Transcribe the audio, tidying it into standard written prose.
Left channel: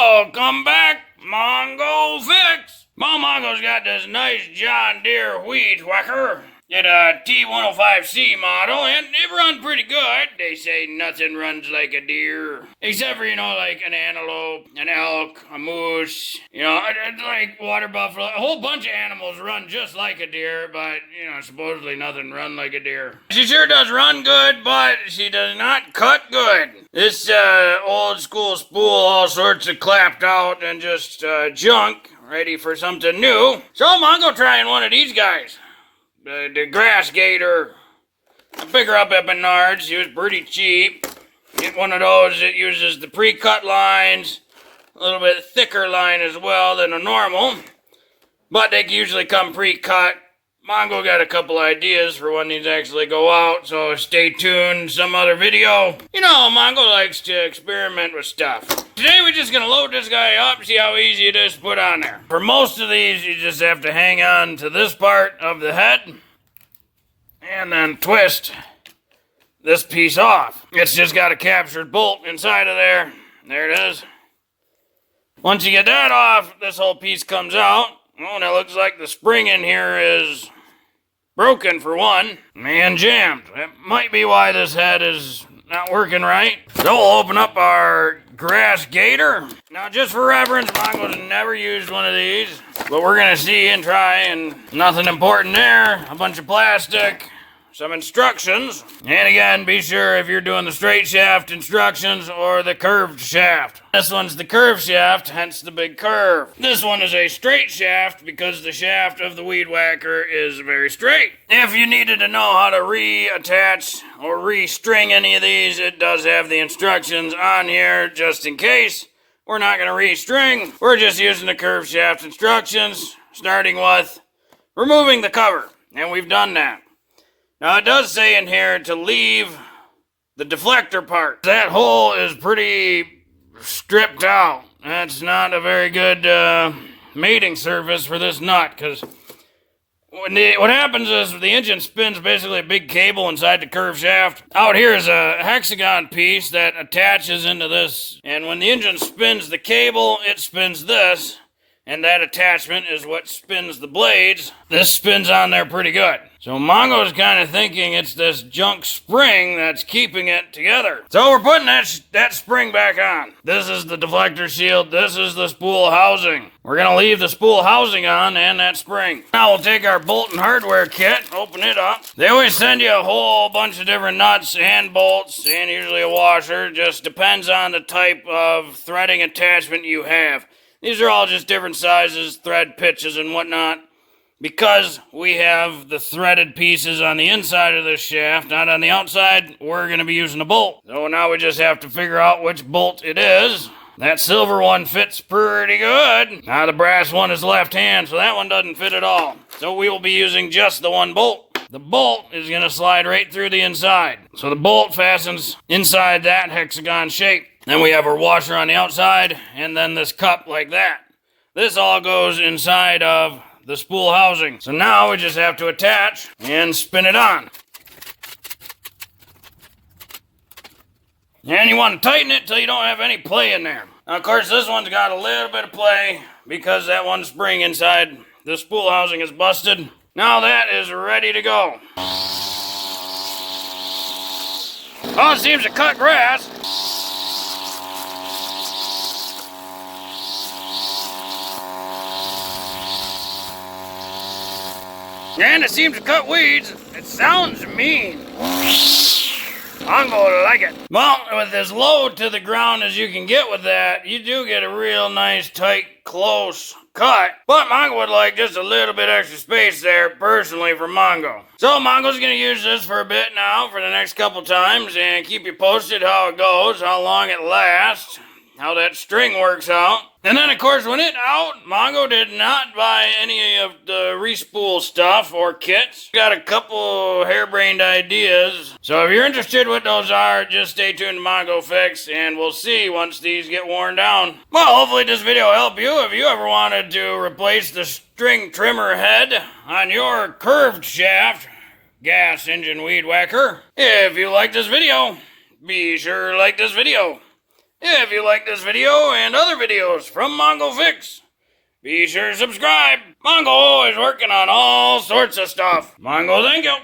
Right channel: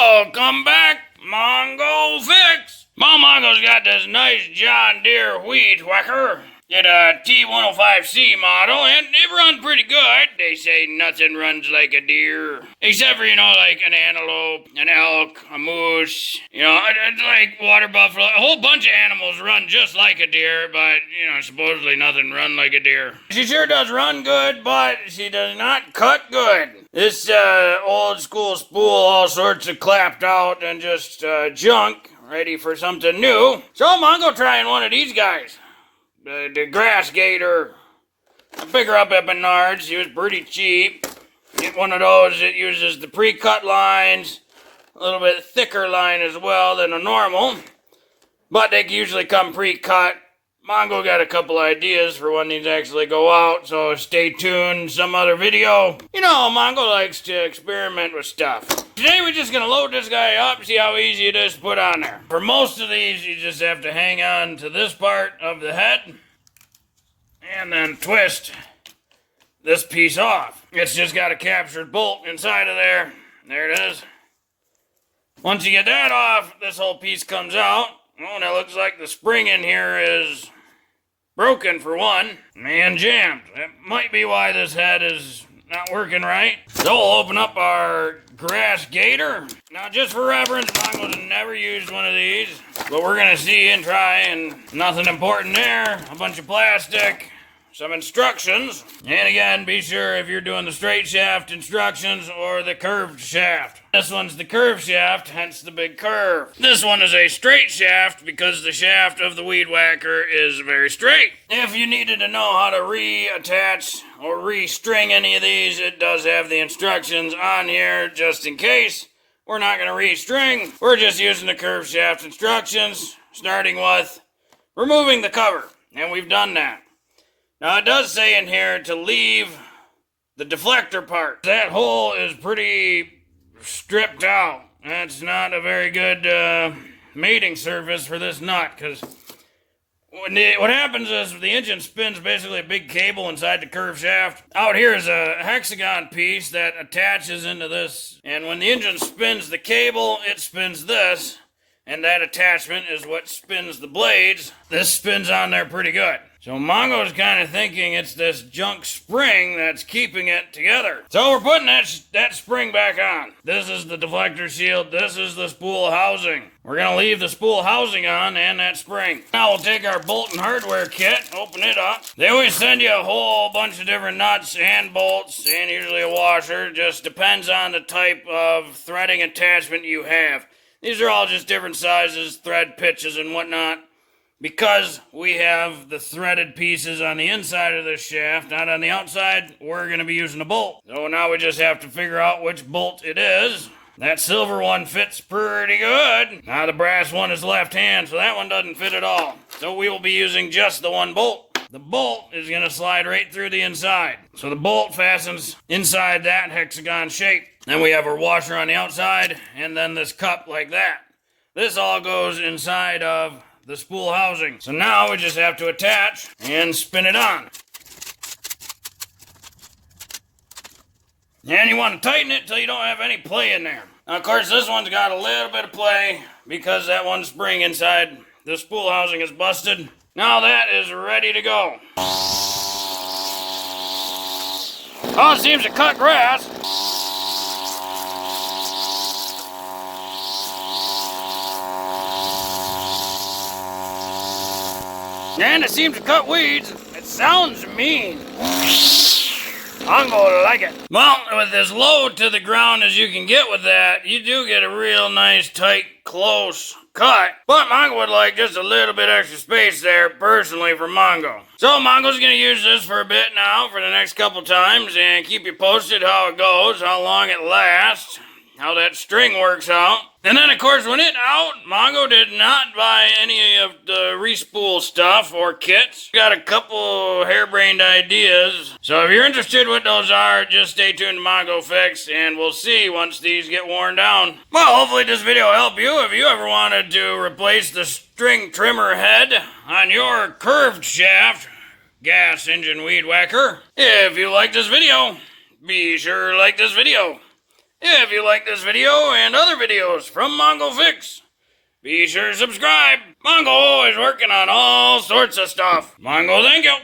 Welcome back, Mongo Fix. Mongo's got this nice John Deere weed whacker. It's a T105c model, and it runs pretty good. They say nothing runs like a deer. Except for, like an antelope, an elk, a moose. It's like water buffalo. A whole bunch of animals run just like a deer, but, supposedly nothing run like a deer. She sure does run good, but she does not cut good. This old school spool, all sorts of clapped out and just junk, ready for something new. So Mongo trying one of these guys. The grass gator. I pick her up at Menards. She was pretty cheap. Get one of those that uses the pre-cut lines, a little bit thicker line as well than a normal, but they usually come pre-cut. Mongo got a couple ideas for when these actually go out, so stay tuned. Some other video. Mongo likes to experiment with stuff. Today we're just gonna load this guy up, see how easy it is to put on there. For most of these, you just have to hang on to this part of the head and then twist this piece off. It's just got a captured bolt inside of there. There it is. Once you get that off, this whole piece comes out. Oh, and it looks like the spring in here is broken for one, and jammed. That might be why this head is not working right. So we'll open up our grass gator. Now, just for reference, Mongo's never used one of these, but we're gonna see and try, and nothing important there. A bunch of plastic, some instructions, and again, be sure if you're doing the straight shaft instructions or the curved shaft. This one's the curved shaft, hence the big curve. This one is a straight shaft because the shaft of the weed whacker is very straight. If you needed to know how to reattach or restring any of these, it does have the instructions on here just in case. We're not going to restring. We're just using the curved shaft instructions, starting with removing the cover, and we've done that. Now, it does say in here to leave the deflector part. That hole is pretty stripped out. That's not a very good mating surface for this nut, because what happens is the engine spins basically a big cable inside the curved shaft. Out here is a hexagon piece that attaches into this, and when the engine spins the cable, it spins this, and that attachment is what spins the blades. This spins on there pretty good. So Mongo's kind of thinking it's this junk spring that's keeping it together. So we're putting that spring back on. This is the deflector shield. This is the spool housing. We're going to leave the spool housing on and that spring. Now we'll take our bolt and hardware kit, open it up. They always send you a whole bunch of different nuts and bolts and usually a washer. Just depends on the type of threading attachment you have. These are all just different sizes, thread pitches and whatnot. Because we have the threaded pieces on the inside of this shaft, not on the outside, we're going to be using a bolt. So now we just have to figure out which bolt it is. That silver one fits pretty good. Now the brass one is left hand, so that one doesn't fit at all. So we will be using just the one bolt. The bolt is going to slide right through the inside. So the bolt fastens inside that hexagon shape. Then we have our washer on the outside, and then this cup like that. This all goes inside of the spool housing. So now we just have to attach and spin it on. And you want to tighten it till you don't have any play in there. Now, of course, this one's got a little bit of play because that one spring inside the spool housing is busted. Now that is ready to go. Oh, it seems to cut grass. And it seems to cut weeds. It sounds mean. I'm gonna like it. Well, with as low to the ground as you can get with that, you do get a real nice, tight, close cut. But Mongo would like just a little bit extra space there, personally, for Mongo. So Mongo's gonna use this for a bit now, for the next couple times, and keep you posted how it goes, how long it lasts, how that string works out. And then, of course, when it out, Mongo did not buy any of the respool stuff or kits. Got a couple harebrained ideas. So if you're interested what those are, just stay tuned to Mongo Fix, and we'll see once these get worn down. Well, hopefully this video will help you if you ever wanted to replace the string trimmer head on your curved shaft gas engine weed whacker. If you like this video, be sure to like this video. If you like this video and other videos from Mongo Fix, be sure to subscribe. Mongo always working on all sorts of stuff. Mongo, thank you.